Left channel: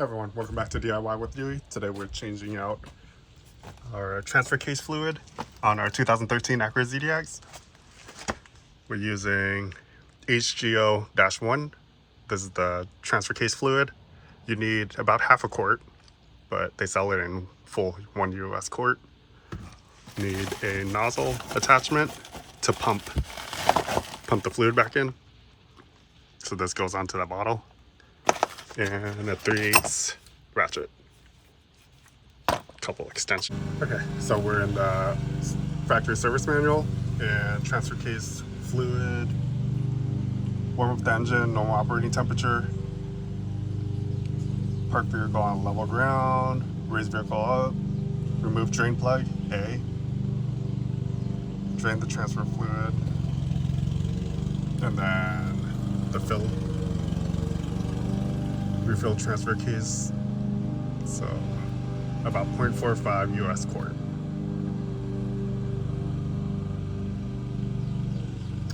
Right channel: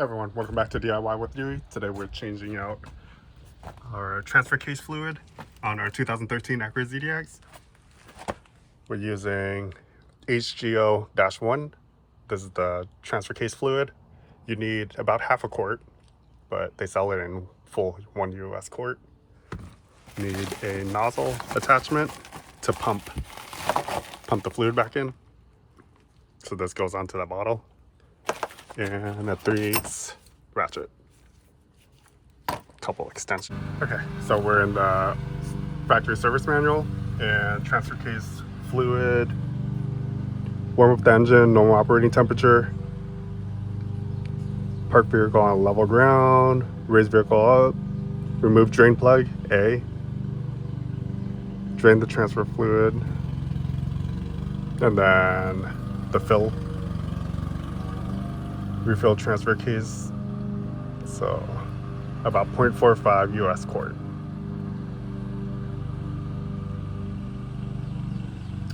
Hey everyone, welcome back to DIY with Dewey. Today we're changing out our transfer case fluid on our 2013 Acura ZDX. We're using HGO-1. This is the transfer case fluid. You need about half a quart, but they sell it in full 1 US quart. You need a nozzle attachment to pump the fluid back in. So this goes onto that bottle. And a 3/8 ratchet. Couple extensions. Okay, so we're in the factory service manual, and transfer case fluid, warm up the engine, normal operating temperature, park vehicle on level ground, raise vehicle up, remove drain plug A, drain the transfer fluid, and then the fill. Refill transfer case, so about 0.45 US quart.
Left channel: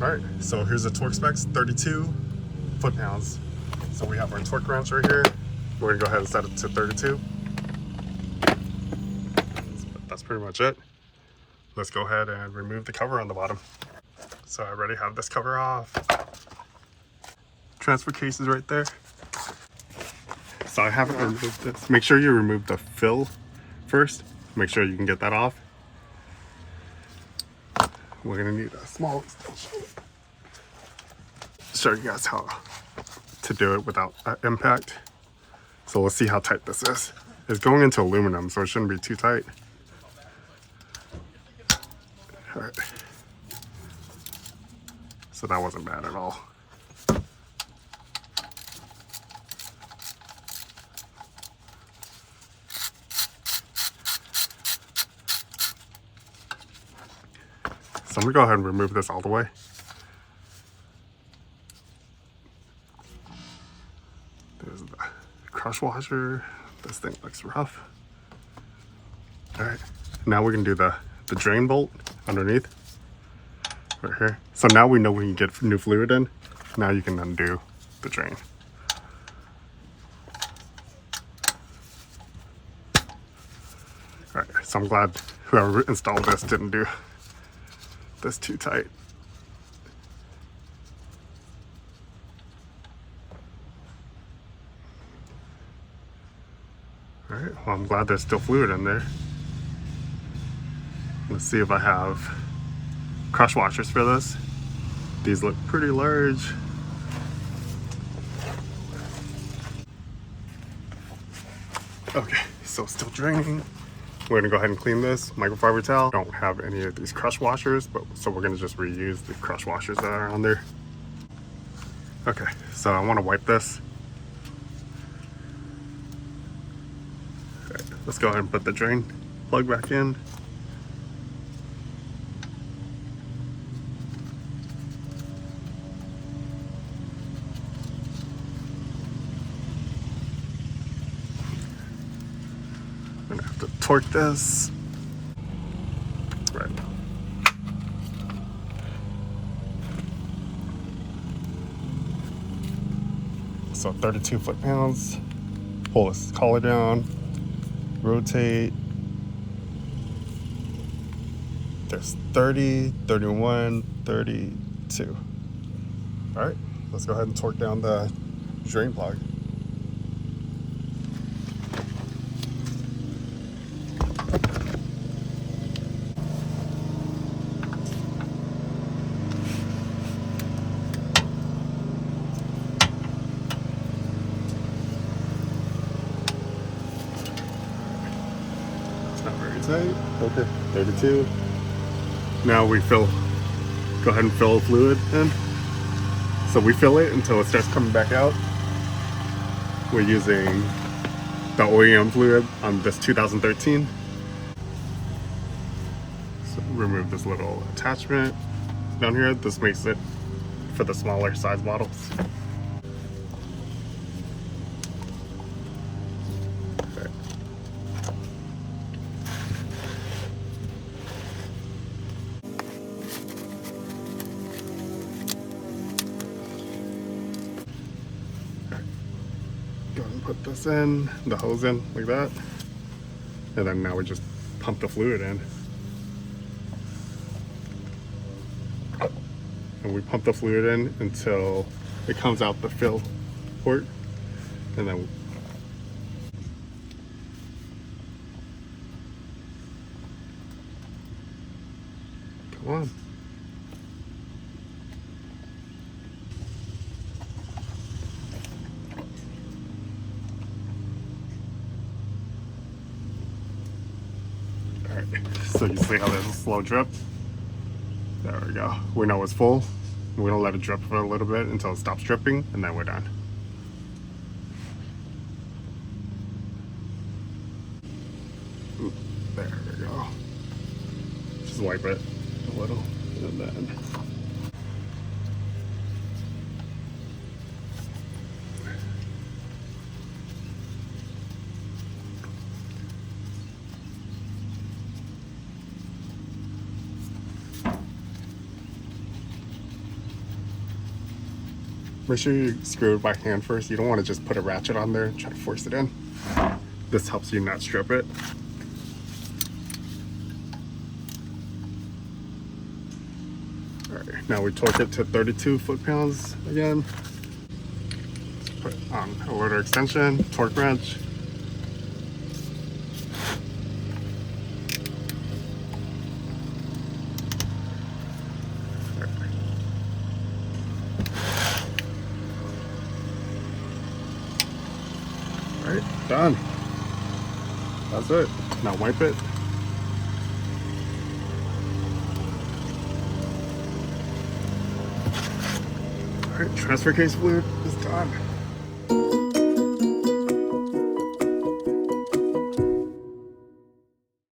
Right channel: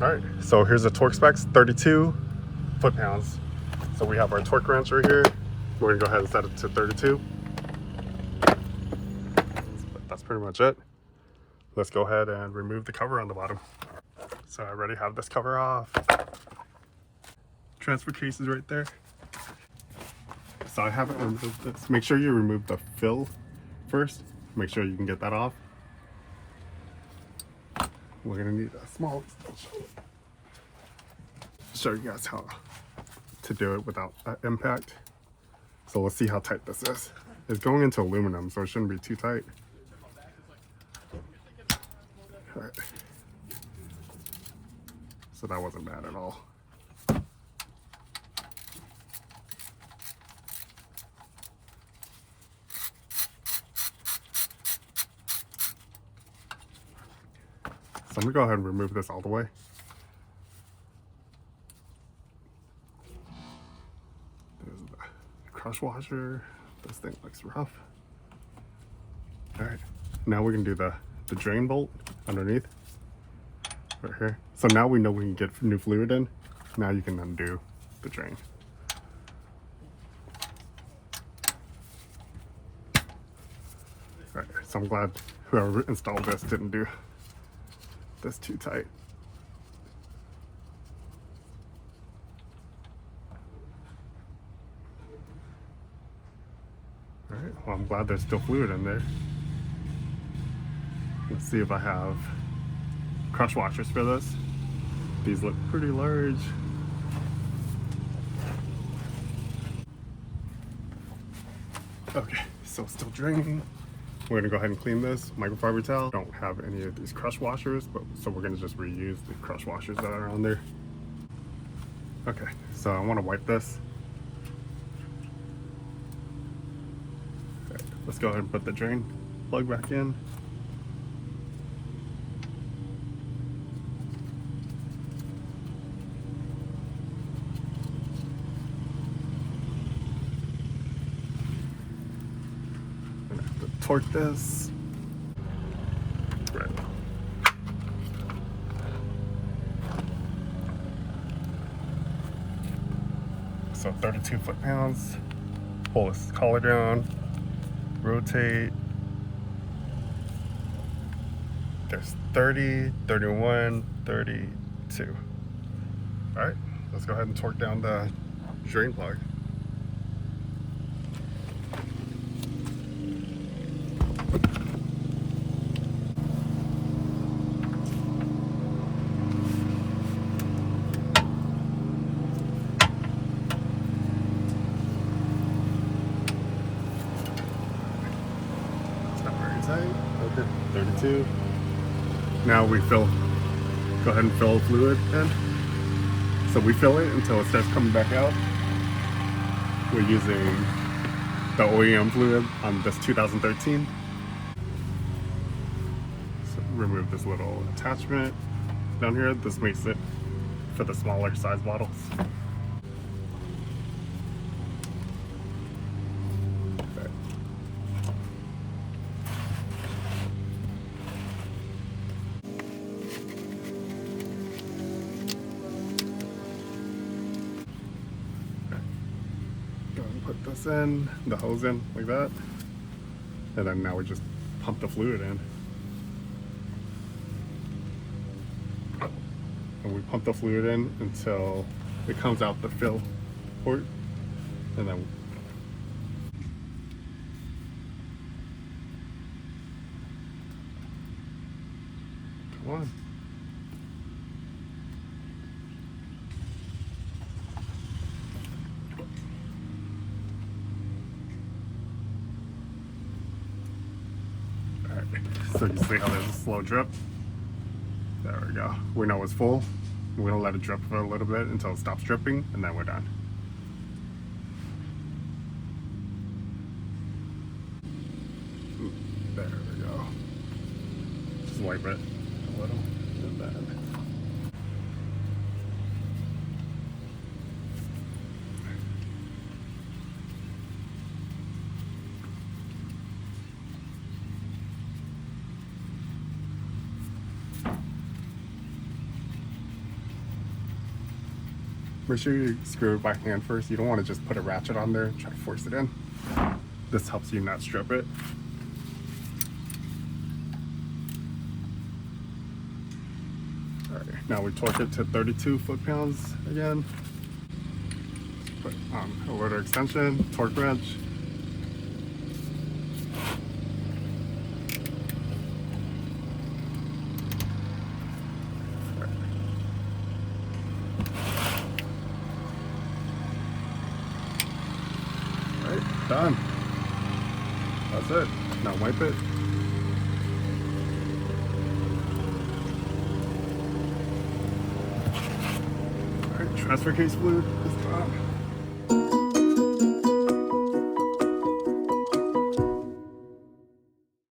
All right, so here's the torque specs, 32 foot-pounds. So we have our torque wrench right here. We're gonna go ahead and set it to 32. That's pretty much it. Let's go ahead and remove the cover on the bottom. So I already have this cover off. Transfer case is right there. So I haven't removed this. Make sure you remove the fill first. Make sure you can get that off. We're gonna need a small extension. Show you guys how to do it without impact. So let's see how tight this is. It's going into aluminum, so it shouldn't be too tight. All right. So that wasn't bad at all. So I'm gonna go ahead and remove this all the way. There's the crush washer. This thing looks rough. All right, now we're gonna do the drain bolt underneath, right here. So now we know when you get new fluid in, now you can undo the drain. All right, so I'm glad whoever installed this didn't do this too tight. All right, well, I'm glad there's still fluid in there. Let's see if I have crush washers for this. These look pretty large. Okay, so still draining. We're gonna go ahead and clean this microfiber towel. Don't have any of these crush washers, so we're gonna just reuse the crush washers that are on there. Okay, so I wanna wipe this. Okay, let's go ahead and put the drain plug back in. Gonna have to torque this. Right. So 32 foot-pounds. Pull this collar down, rotate. There's 30, 31, 32. All right, let's go ahead and torque down the drain plug. Okay, 32. Now we go ahead and fill fluid in. So we fill it until it starts coming back out. We're using the OEM fluid on this 2013. So remove this little attachment down here. This makes it for the smaller size bottles. this in, the hose in like that. And then now we just pump the fluid in. And we pump the fluid in until it comes out the fill port. And then come on. So you see how there's a slow drip? There we go. We know it's full. We don't let it drip for a little bit until it stops dripping, and then we're done. There we go. Just wipe it a little, and then make sure you screw it by hand first. You don't want to just put a ratchet on there and try to force it in. This helps you not strip it. Alright, now we torque it to 32 foot-pounds again. Put on a rotor extension, torque wrench. Done. That's it. Now wipe it. Alright, transfer case fluid is done.